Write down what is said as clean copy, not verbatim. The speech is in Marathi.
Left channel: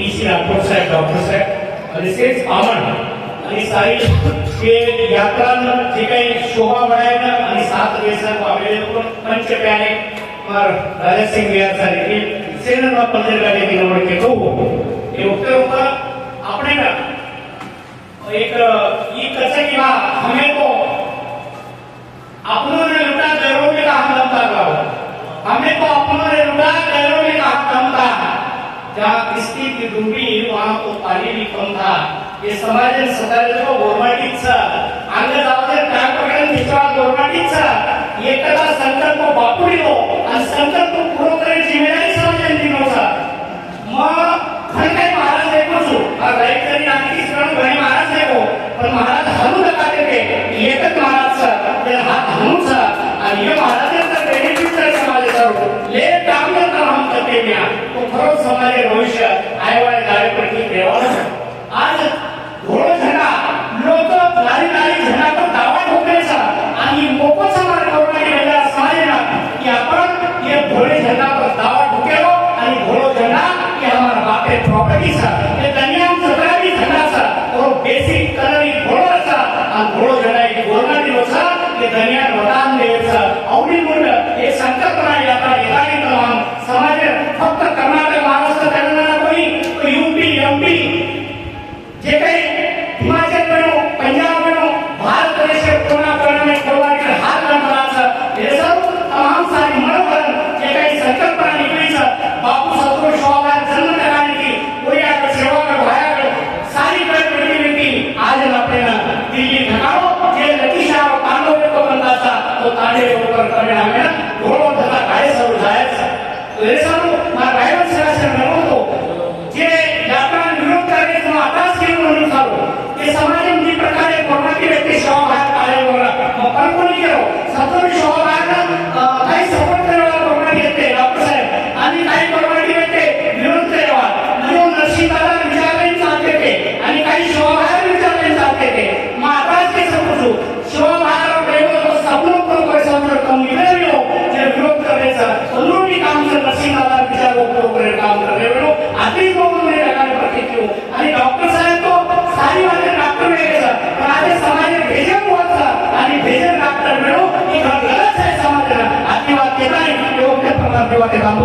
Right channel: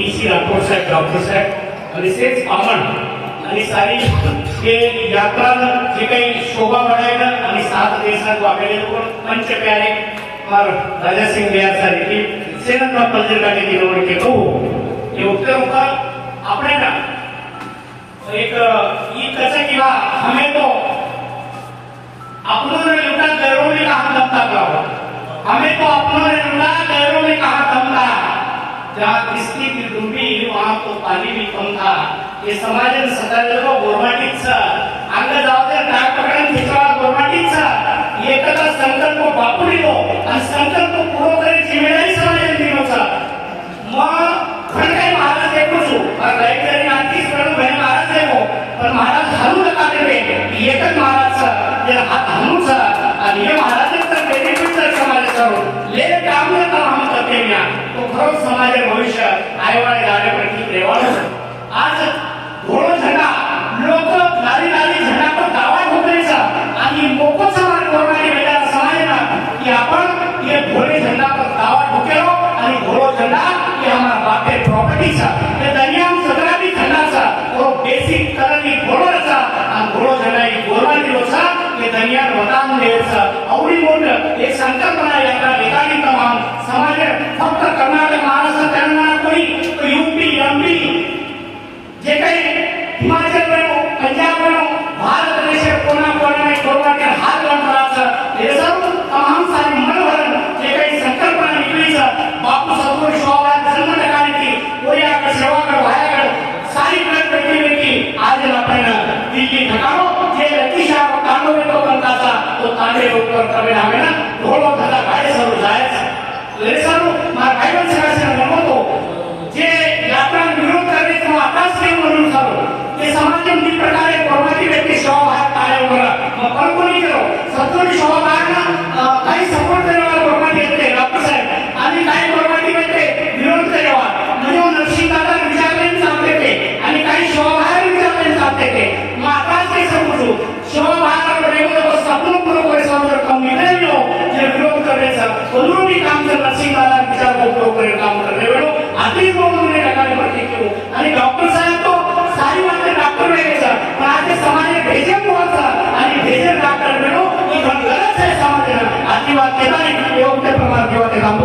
पीसी राठोड साहेब डॉक्टर साहेब रिसेस पामण आणि सारी हे यात्रा जे काही शोभा बढ़ायला आणि 7 दिवसात वागलेले पंच प्यारे और राजा सिंह बिहार साहब की सेना का पंजरा के दिनों के तो ये उत्तर का अपने का एक ये कैसे कि हमें तो अपनों ने लुटा गैरों ने कहा दमता गाओ हमें तो अपनों ने लुटा गैरों ने कहा दमता जहाँ किस्ती की डूबी वहाँ तो पानी भी कम था ये समाज ने सदाला गोरमाटीचा अंग जावते टाक प्रकरण दुसरा गोरमाटीचा एकदा संकल्प बापुडीलो आणि संकल्प पूर्ण करे जिम्मेदारी समाजाने दिनोचा मग पण काही महाराज एकच और राईतरी आणखी करून भणी महाराज देखो पण महाराज हलू नका करे एकच महाराजचा हात हलूचा आणि हे महाराजांचा बेनिफिट तर समाजाचा ले काम न हम करते म्या तो खरंच समाज भविष्य आयवाय डायरेक्टली देवा आज घोळ झंडा लोक गाडी गाडी झंडा पर दावा ठोकायचा आणि मोफत समाज करणारी वेळेला समाजाला की आपण ये घोळे झंडा पर दावा ठोकेलो आणि घोळ झंडा ये हमारा बापे प्रॉपर्टी सा ये दुनिया में सतरावी झंडा सा और बेसिक करनी घोळाचा आणि घोळ झंडा ये गोरवानी लोचा ये दुनिया वतान देचा औडी मोठ एक संकल्पना यात्रा एकाही तमाम समाज फक्त कर्नाटक महाराष्ट्र तेलंगणा कोणी यूपी एमपी जे काही हिमाचल में पंजाब में भारत देश कोना कोना में कोरोना के हाथ लगाचा हे सब तमाम सारी मनोरंजन जे काही संकल्पना निकली बापू सत्रो शोभान जन्म लगाने कोई आप सेवा कर भाया सारी प्रकृति की आज अपने दिल्ली घटाओ जे लतीशा कांडो में तो बनता था तो कांडे ऊपर करने हमें घोड़ों का काय सब जायज हे सब मा गाइडेंस राशन नमो तो जे यात्रा विरोध करने तो आकाश के म्हणून जाऊ हे समाजामध्ये प्रकारे कोरोनाची व्यक्ती शोभा आहे पायावर मग पण कोणी केलो सत्तोरी शोभा आहे काही सपोर्ट करावा कोरोनाची व्यक्ती डॉक्टर साहेब आणि काही कोरोनाची व्यक्ती विरोध करावा म्हणजे नरसिंहदादा विचारलेले चालते ते आणि काही शोभा आहे विचारलेले चालते ते मग आकाश के समजू शोभा आहे रेगो सपनो पूर्ण करे समजून कम निघालो जे विरोध करायचा अनुरूपी काम जर नरसिंहदादा विचार पूर्ण करे काम करायला आधी बोलून टाकायला पाहिजे आणि डॉक्टर साहेब तो सारी वाले डॉक्टर वेगळा माझे समाज भेजे बोलता आणि भेजे डॉक्टर मिळो ही गलत आहे समाजाला आधी वाक्य नाही योग्य प्रमाणात काम